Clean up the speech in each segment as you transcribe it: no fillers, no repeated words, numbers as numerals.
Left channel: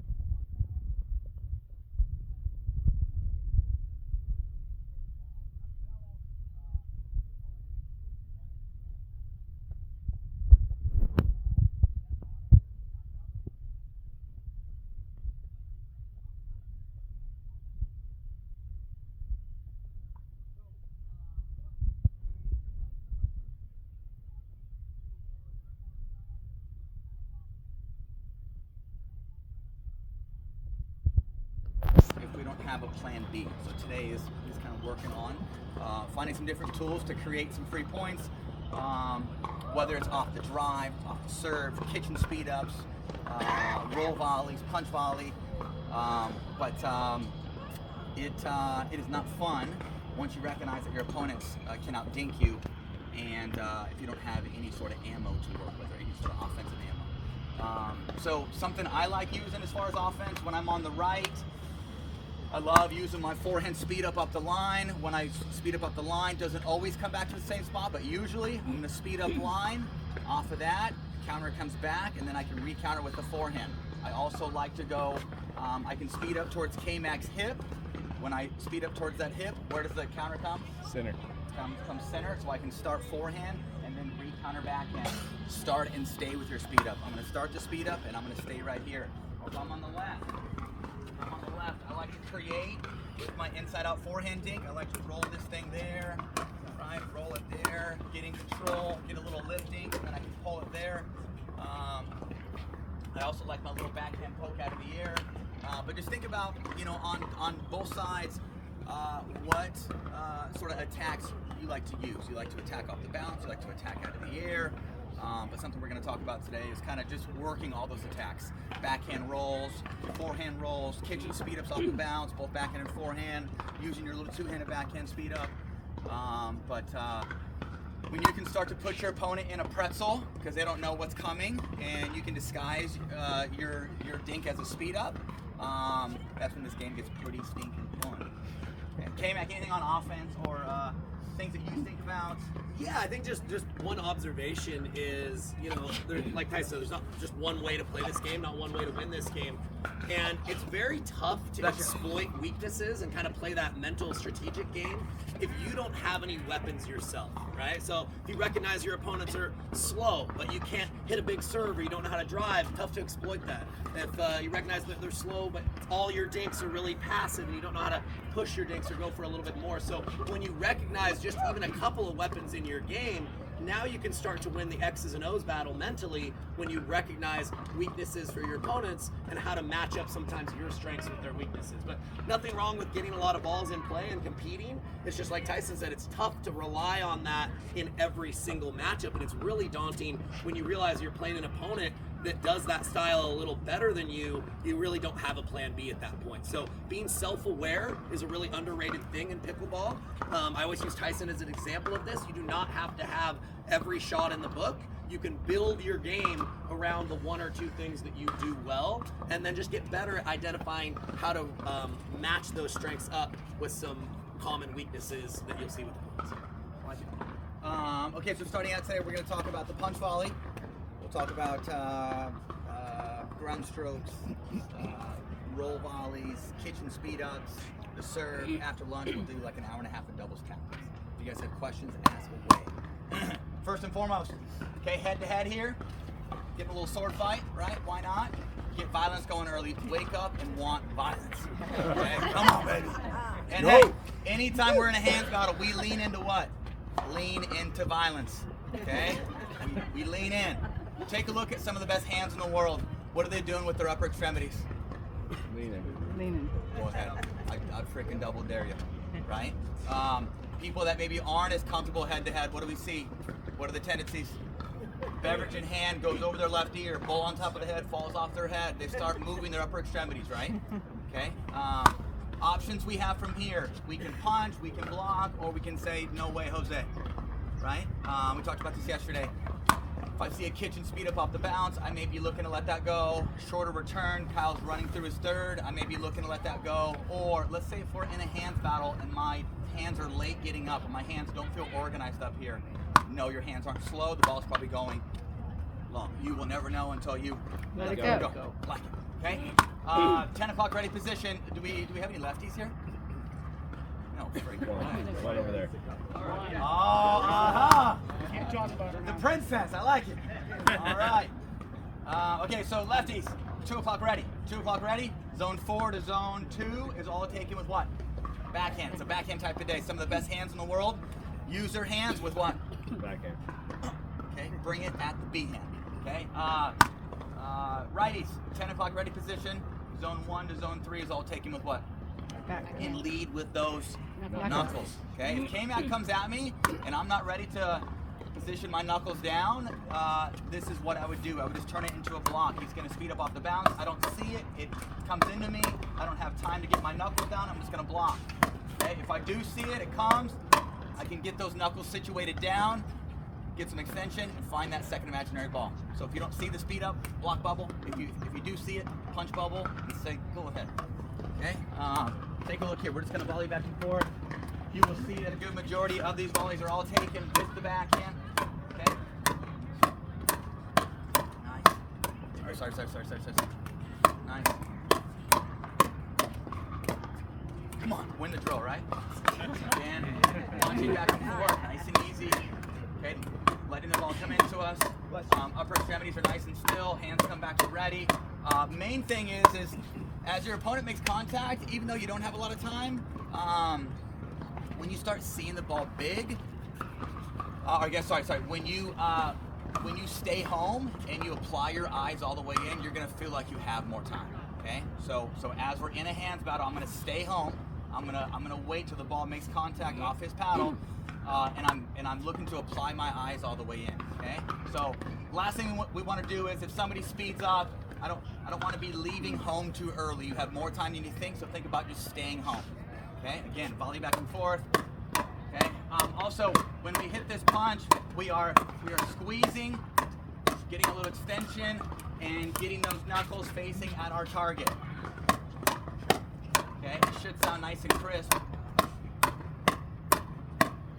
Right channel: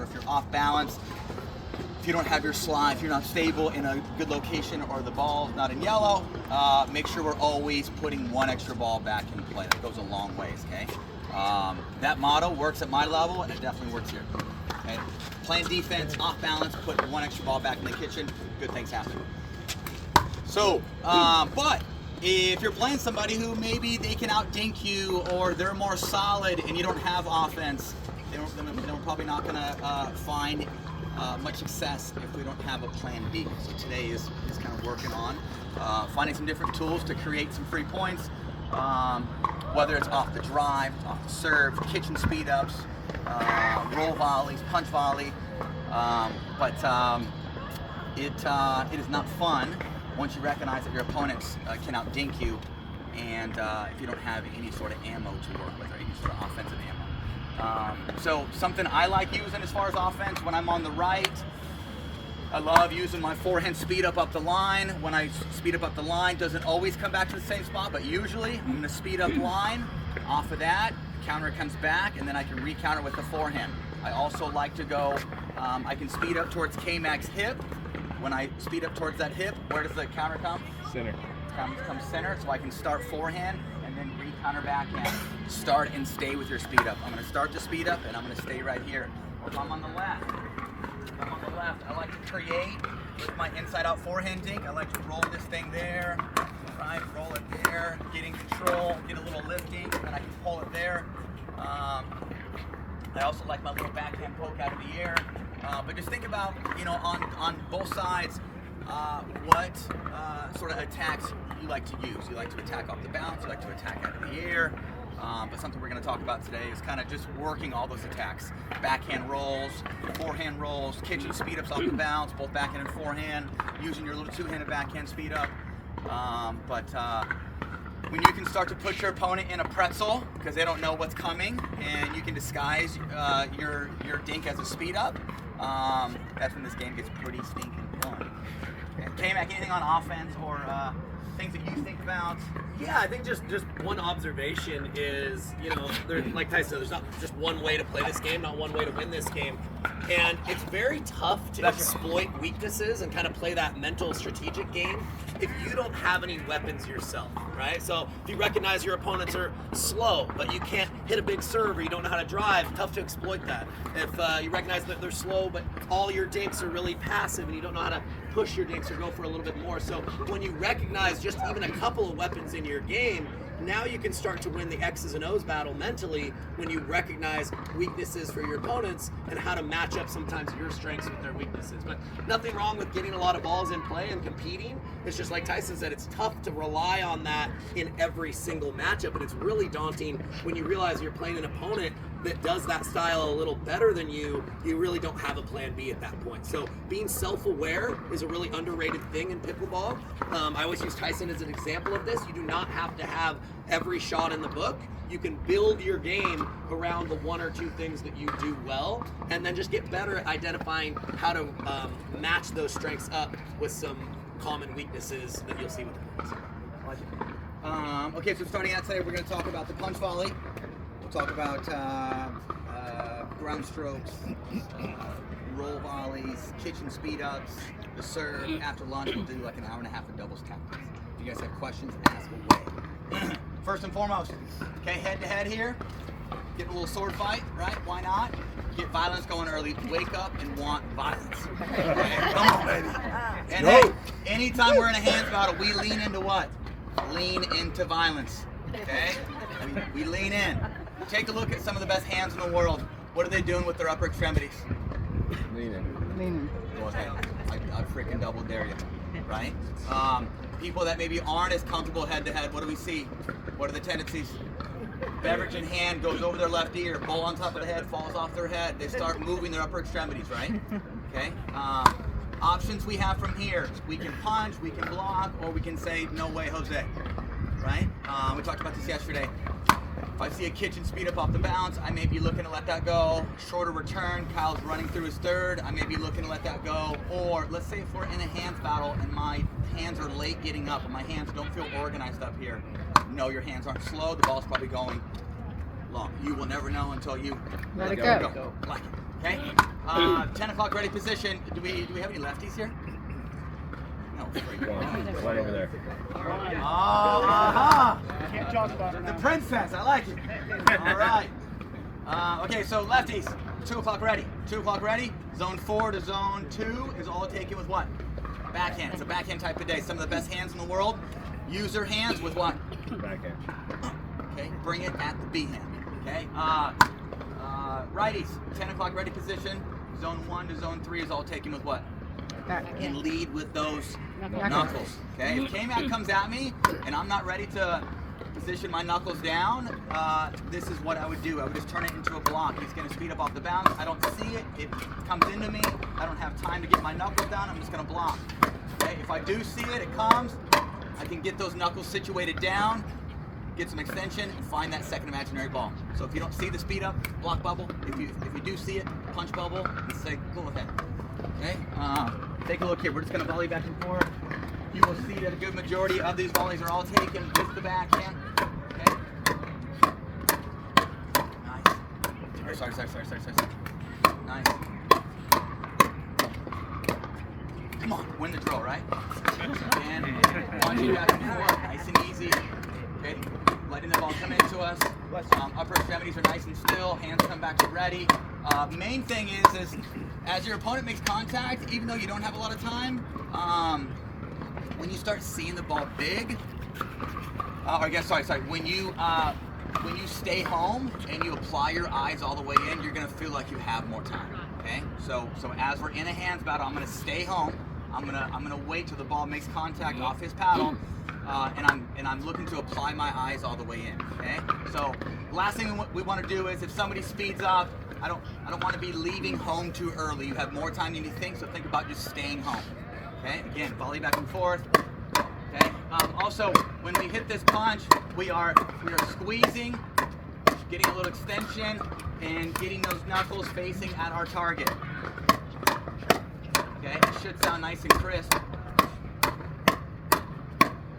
or if you're off balance, if you don't have your slide, if you're not stable in a good location or the ball's not in yellow, make sure we're always putting one extra ball back in play. That goes a long ways, okay? That motto works at my level, and it definitely works here. Okay? Playing defense, off balance, put one extra ball back in the kitchen, good things happen. So, but if you're playing somebody who maybe they can out-dink you, or they're more solid and you don't have offense, they're probably not going to find much success if we don't have a plan B. So today is kind of working on finding some different tools to create some free points, whether it's off the drive, off the serve, kitchen speed ups, roll volleys, punch volley. But it is not fun once you recognize that your opponents can out-dink you, and if you don't have any sort of ammo to work with, or any sort of offensive ammo. So something I like using as far as offense, when I'm on the right, I love using my forehand speed up the line. When I speed up the line, doesn't always come back to the same spot, but usually I'm going to speed up line. Off of that, counter comes back, and then I can re-counter with the forehand. I also like to go, I can speed up towards K-Mac's hip. When I speed up towards that hip, where does the counter come? Center. Comes center, so I can start forehand and then re-counter backhand. Start and stay with your speed up. I'm going to start the speed up, and I'm going to stay right here. If I'm on the left, I like to create with my inside-out forehand dink. I like to roll this thing there, right? Roll it there, getting control, get a little lifting, and then I can pull it there. I also like my little backhand poke out of the air. But just think about, on both sides, what sort of attacks you like to use. You like to attack off the bounce, you like to attack out of the air. But something we're going to talk about today is kind of just working all those attacks. Backhand rolls, forehand rolls, kitchen speed ups off the bounce, both backhand and forehand, using your little two-handed backhand speed up. When you can start to put your opponent in a pretzel because they don't know what's coming, and you can disguise your dink as a speed up, that's when this game gets pretty stinking fun. K-Mac, anything on offense or things that you think about? Yeah, I think just one observation is, like Tyson said, there's not just one way to play this game, not one way to win this game. And it's very tough to exploit weaknesses and kind of play that mental strategic game if you don't have any weapons yourself, right? So if you recognize your opponents are slow, but you can't hit a big serve or you don't know how to drive, tough to exploit that. If you recognize that they're slow, but all your dinks are really passive and you don't know how to push your dinks or go for a little bit more. So when you recognize just even a couple of weapons in your game, now you can start to win the X's and O's battle mentally when you recognize weaknesses for your opponents and how to match up sometimes your strengths with their weaknesses. But nothing wrong with getting a lot of balls in play and competing. It's just like Tyson said, it's tough to rely on that in every single matchup, and it's really daunting when you realize you're playing an opponent that does that style a little better than you really don't have a plan B at that point. So being self-aware is a really underrated thing in pickleball. I always use Tyson as an example of this. You do not have to have every shot in the book. You can build your game around the one or two things that you do well, and then just get better at identifying how to match those strengths up with some common weaknesses that you'll see with the points. Okay, so starting out today, we're going to talk about the punch volley. We'll talk about ground strokes, roll volleys, kitchen speed ups, the serve. After lunch, we'll do like an hour and a half of doubles count. If you guys have questions, ask away. First and foremost, okay, head to head here. Get a little sword fight, right? Why not? Get violence going early. Wake up and want violence. Okay? Come on, baby. And hey, anytime we're in a hands battle, we lean into what? Lean into violence. Okay? We lean in. Take a look at some of the best hands in the world. What are they doing with their upper extremities? Leaning. Go ahead. I freaking double dare you. Right? People that maybe aren't as comfortable head to head, what do we see? What are the tendencies? Beverage in hand goes over their left ear, bowl on top of the head falls off their head. They start moving their upper extremities, right? Okay. Options we have from here: we can punch, we can block, or we can say no way, Jose. Right? We talked about this yesterday. If I see a kitchen speed up off the bounce, I may be looking to let that go. Shorter return, Kyle's running through his third, I may be looking to let that go. Or let's say if we're in a hands battle and my hands are late getting up and my hands don't feel organized up here. No, your hands aren't slow, the ball's probably going long. You will never know until you let it go. Like Okay? 10 o'clock ready position. Do we have any lefties here? No. Right over there. The princess, I like it. All right. Okay, so lefties, 2 o'clock ready. 2 o'clock ready. Zone 4 to zone 2 is all taken with what? Backhand. It's a backhand type of day. Some of the best hands in the world. Use your hands with what? Backhand. Okay, bring it at the B hand. Okay. Righties, 10 o'clock ready position. Zone 1 to zone 3 is all taken with what? And lead with those knuckles. Okay. If K-Mac comes at me and I'm not ready to position my knuckles down, this is what I would do. I would just turn it into a block. He's going to speed up off the bounce. I don't see it. It comes into me. I don't have time to get my knuckles down. I'm just going to block. Okay. If I do see it, it comes. I can get those knuckles situated down, get some extension, and find that second imaginary ball. So if you don't see the speed up, block bubble. If you do see it, punch bubble, and say, go ahead. Okay? Take a look here. We're just going to volley back and forth. You will see that a good majority of these volleys are all taken with the backhand. Okay? Nice. Sorry. Nice. Come on, win the drill, right? And once you back and forth, nice and easy. Okay, letting the ball come into us. Upper extremities are nice and still. Hands come back ready. Main thing is as your opponent makes contact, even though you don't have a lot of time, when you start seeing the ball big, when you stay home and you apply your eyes all the way in, you're gonna feel like you have more time. Okay, so as we're in a hands battle, I'm gonna stay home. I'm gonna wait till the ball makes contact off his paddle, and I'm looking to apply my eyes all the way in. Okay. So last thing we want to do is if somebody speeds up, I don't want to be leaving home too early. You have more time than you think, so think about just staying home. Okay. Again, volley back and forth. Okay. Also, when we hit this punch, we are squeezing, getting a little extension, and getting those knuckles facing at our target. Okay, it should sound nice and crisp.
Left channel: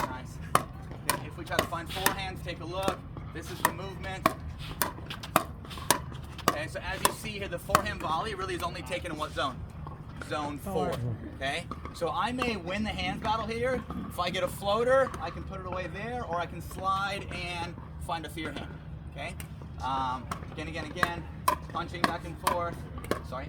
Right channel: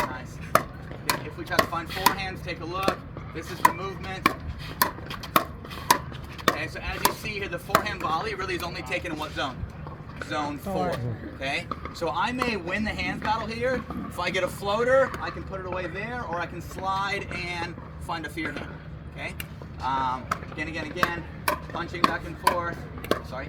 Nice. Okay, if we try to find forehands, take a look. This is the movement. Okay, so as you see here, the forehand volley really is only taken in what zone? Zone 4. Okay, so I may win the hand battle here. If I get a floater, I can put it away there, or I can slide and find a fear hand. Okay, again, punching back and forth. Sorry.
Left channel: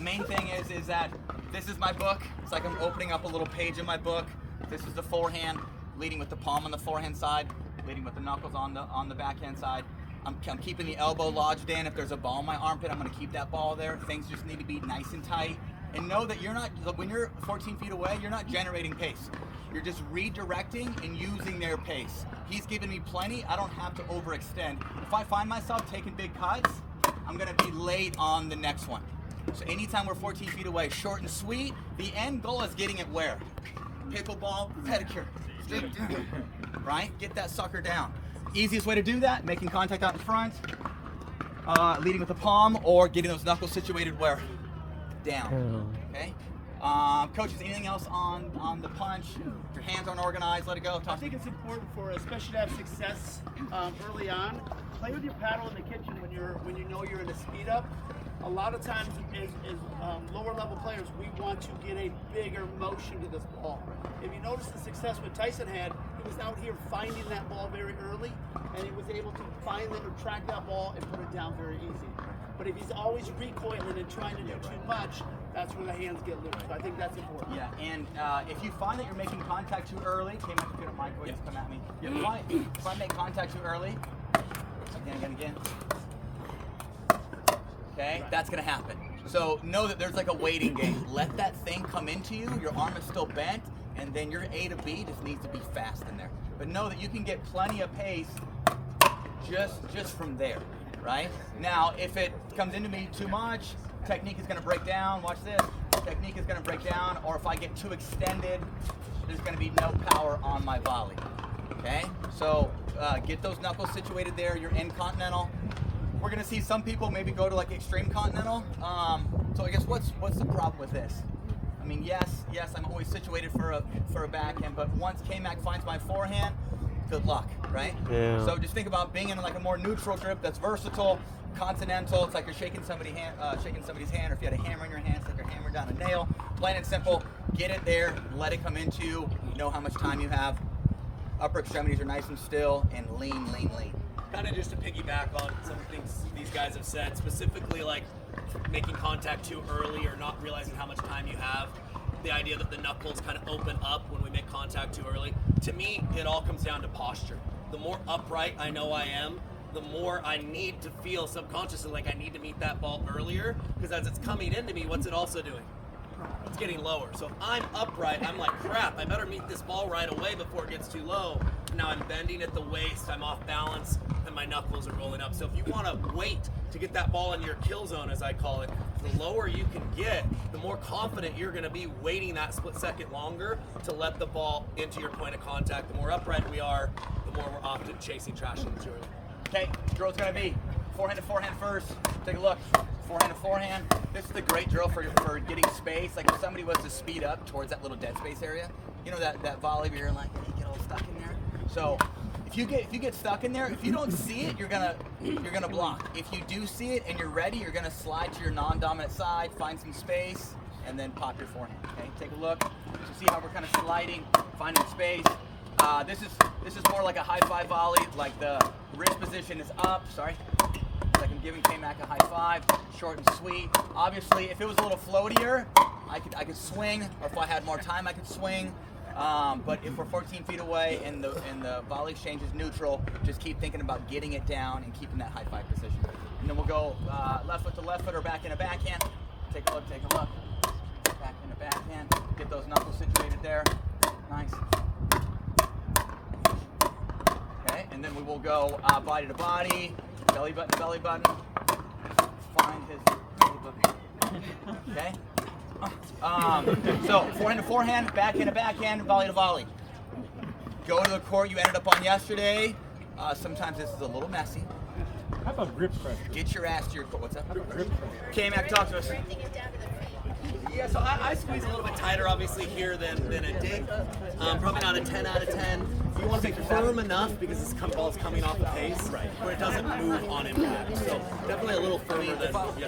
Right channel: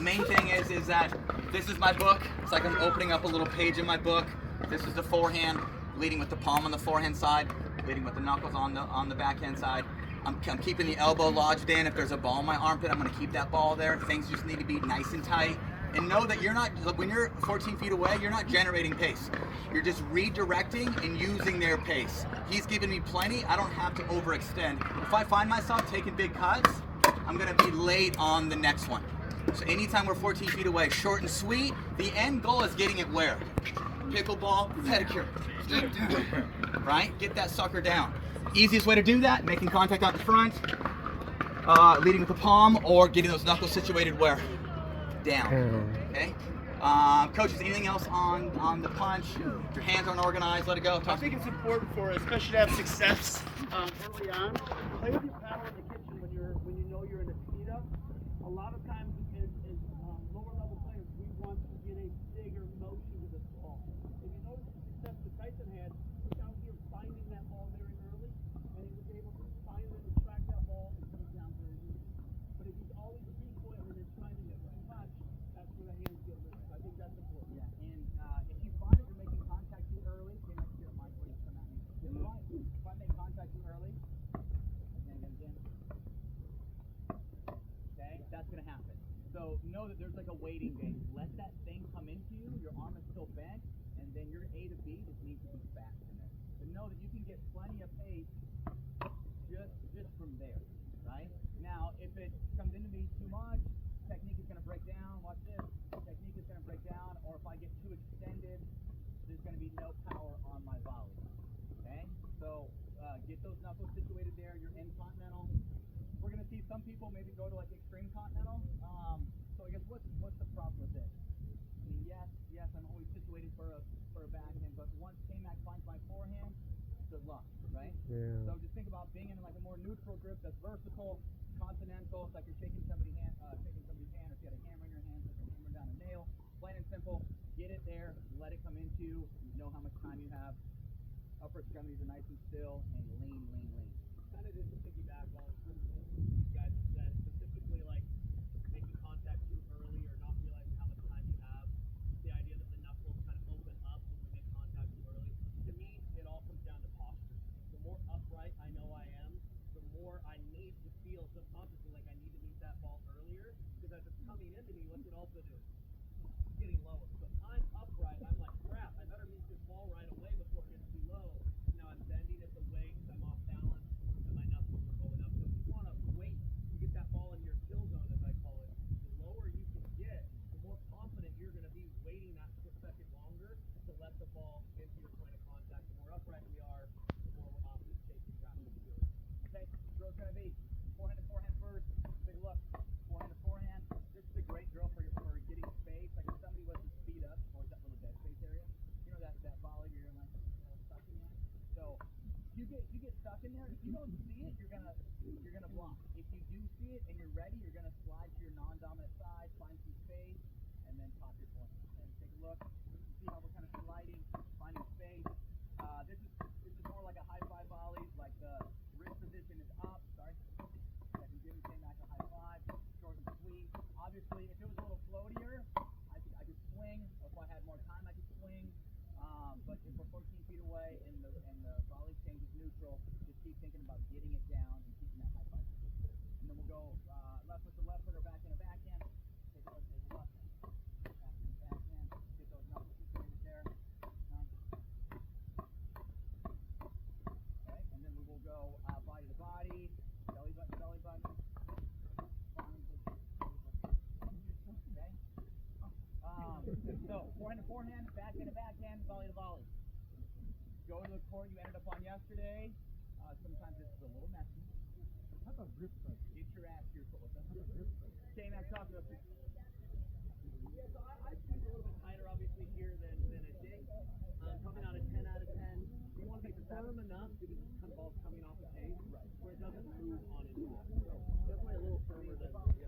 Main thing is that this is my book. It's like I'm opening up a little page in my book. This is the forehand, leading with the palm on the forehand side, leading with the knuckles on the backhand side. I'm keeping the elbow lodged in. If there's a ball in my armpit, I'm going to keep that ball there. Things just need to be nice and tight. And know that when you're 14 feet away, you're not generating pace. You're just redirecting and using their pace. He's giving me plenty. I don't have to overextend. If I find myself taking big cuts, I'm going to be late on the next one. So anytime we're 14 feet away, short and sweet, the end goal is getting it where? Pickleball, pedicure. Right? Get that sucker down. Easiest way to do that, making contact out in front, leading with the palm, or getting those knuckles situated where? Down. Okay? Coaches, anything else on the punch? If your hands aren't organized, let it go. I think it's important for, especially to have success early on. Play with your paddle in the kitchen when you know you're in a speed up. A lot of times, as lower level players, we want to get a bigger motion to this ball. If you notice the success what Tyson had, he was out here finding that ball very early, and he was able to find it or track that ball and put it down very easy. But if he's always recoiling and trying to do too much, that's where the hands get loose. So I think that's important. Yeah, and if you find that you're making contact too early, if you don't mind, go ahead and come at me. If I make contact too early, again. Okay, that's gonna happen. So know that there's like a waiting game. Let that thing come into you. Your arm is still bent, and then your A to B just needs to be fast in there. But know that you can get plenty of pace just from there, right? Now, if it comes into me too much, technique is gonna break down. Watch this. Technique is gonna break down, or if I get too extended, there's gonna be no power on my volley. Okay, so get those knuckles situated there. You're in continental. We're gonna see some people maybe go to like extreme continental. So I guess what's the problem with this? I mean, yes, I'm always situated for a backhand, but once K-Mac finds my forehand, good luck, right? Yeah. So just think about being in like a more neutral grip that's versatile, continental. It's like you're shaking somebody's hand, or if you had a hammer in your hand, it's like you're hammering down a nail. Plain and simple. Get it there, let it come into you. You know how much time you have. Upper extremities are nice and still, and lean, lean, lean. Kind of just to piggyback on some things these guys have said, specifically like making contact too early or not realizing how much time you have. The idea that the knuckles kind of open up when we make contact too early. To me, it all comes down to posture. The more upright I know I am, the more I need to feel subconsciously like I need to meet that ball earlier, because as it's coming into me, what's it also doing? It's getting lower. So if I'm upright, I'm like, crap, I better meet this ball right away before it gets too low. Now I'm bending at the waist, I'm off balance, and my knuckles are rolling up. So if you want to wait to get that ball in your kill zone, as I call it, the lower you can get, the more confident you're going to be waiting that split second longer to let the ball into your point of contact. The more upright we are, the more we're often chasing trash in too early. Okay, drill's gonna be forehand to forehand first. Take a look. Forehand to forehand. This is a great drill for getting space. Like if somebody was to speed up towards that little dead space area, you know that volley where you're like, you get all stuck in there. So if you get stuck in there, if you don't see it, you're gonna block. If you do see it and you're ready, you're gonna slide to your non-dominant side, find some space, and then pop your forehand. Okay, take a look. So see how we're kind of sliding, finding space. This is more like a high five volley. Like the wrist position is up. Sorry. Like I'm giving K-Mac a high five, short and sweet. Obviously, if it was a little floatier, I could swing, or if I had more time, I could swing. But if we're 14 feet away and the volley exchange is neutral, just keep thinking about getting it down and keeping that high five position. And then we'll go left foot to left foot or back in a backhand. Take a look, take a look. Back in a backhand. Get those knuckles situated there. Nice. Okay, and then we will go body to body, belly button to belly button. Find his belly button. Okay. So forehand to forehand, backhand to backhand, volley to volley. Go to the court you ended up on yesterday. Sometimes this is a little messy. How about grip pressure? Get your ass to your court. What's up? Grip pressure. K-Mac, talk to us. Yeah, so I squeeze a little bit tighter, obviously, here than a dig. Probably not a 10 out of 10. You want to be firm enough because this ball's coming off the pace, where it doesn't move on impact. So definitely a little firmer than yesterday.